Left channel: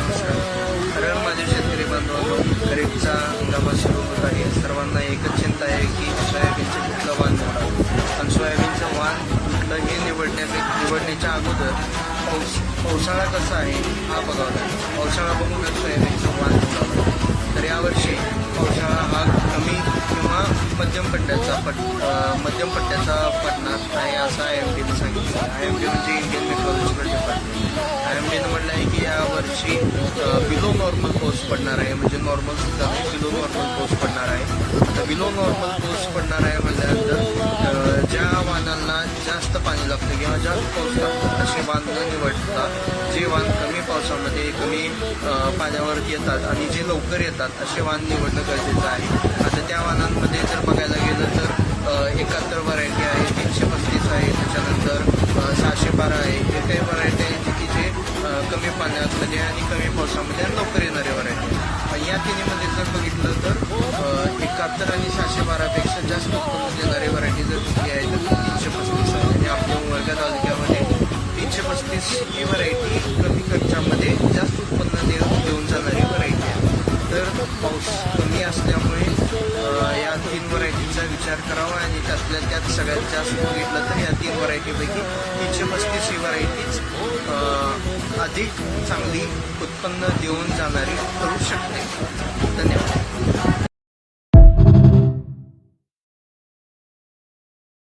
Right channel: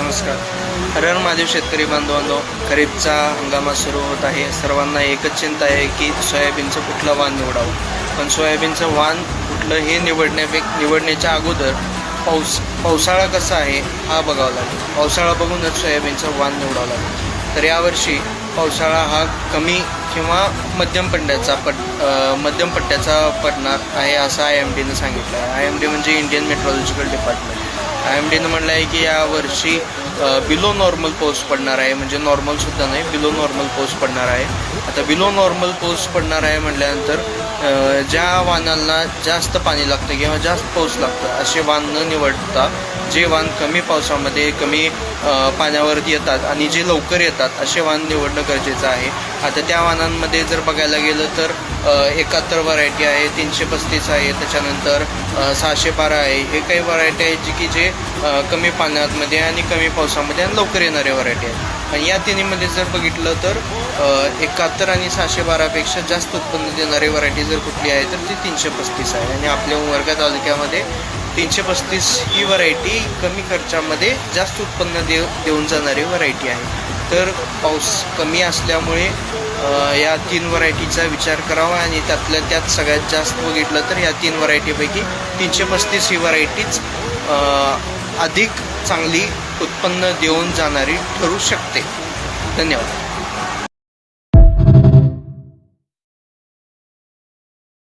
नमस्कार. हर हर महादेव. शेतकरी बांधवांनो, खरीपचा हंगामा सुरू होत आहे. सर्वांना एकच चिंता आहे की सोयाबीनचं कुठलं वाण निवडावं. पण सोयाबीनचं वाण कुठलं हे निवडण्याच्या अगोदर पावसाळा कसा आहे हा बघावा लागेल. पावसाळा बघूनच सोयाबीनचं वाण निवडावं लागेल. तर यावर्षी पावसाळा हा कमी किंवा मध्यम पट्ट्याचा पडणार आहे असं IMDनं सांगितलं आहे. IMD म्हणजे इंडियन मेट्रोलॉजिकल डिपार्टमेंट. IMDनं म्हटलं आहे की यावर्षी बिलो नॉर्मल पाऊस पडणार आहे. म्हणजे नॉर्मलसुद्धा नाही, बिलो नॉर्मल पाऊस पडणार आहे. आता बिलो नॉर्मल पाऊस पडणार आहे म्हटल्यानंतर ज्या वाहनांना जास्त पाणी लागतं किंवा जास्त पाऊस लागतं असे वाहन न निवडता जे वाहन कमी पावसामध्ये कमी पाण्यावर येतात आणि जे लवकर येतात असे वाहन निवडणं गरजेचं आहे. आता त्या वाहनांमध्ये जर बघायला गेलं तर 71 व्हरायटी आहे, 335 आहे, त्याच्यानंतर 612 आहे. हे काही व्हरायटी आहेत की जे कमी पाण्यामध्ये आणि कमी पावसामध्ये आणि लवकर येणारे व्हरायटी आहेत. पण या तिन्हीमध्ये जर बघितलं तर 71 आणि 612पेक्षा जास्त उत्पन्न देणारी व्हरायटी जर कुठली आहे तर ती 335 आहे. आणि आपल्या उमरगा तालुक्यामध्ये 335 ही व्हरायटी कमी खर्चामध्ये जास्त उत्पन्न देऊन जाणारी व्हरायटी आहे. तर पाऊस कमी असल्यामुळे या 3 व्हरायटीचा विचार करावा आणि त्यातल्या त्यात सगळ्यात जास्त बघितलं तर या 3 व्हरायटीपैकी 335 ही व्हरायटीच अधिक चांगली उत्पन्न देऊन जाणारी ठरू शकते. धन्यवाद.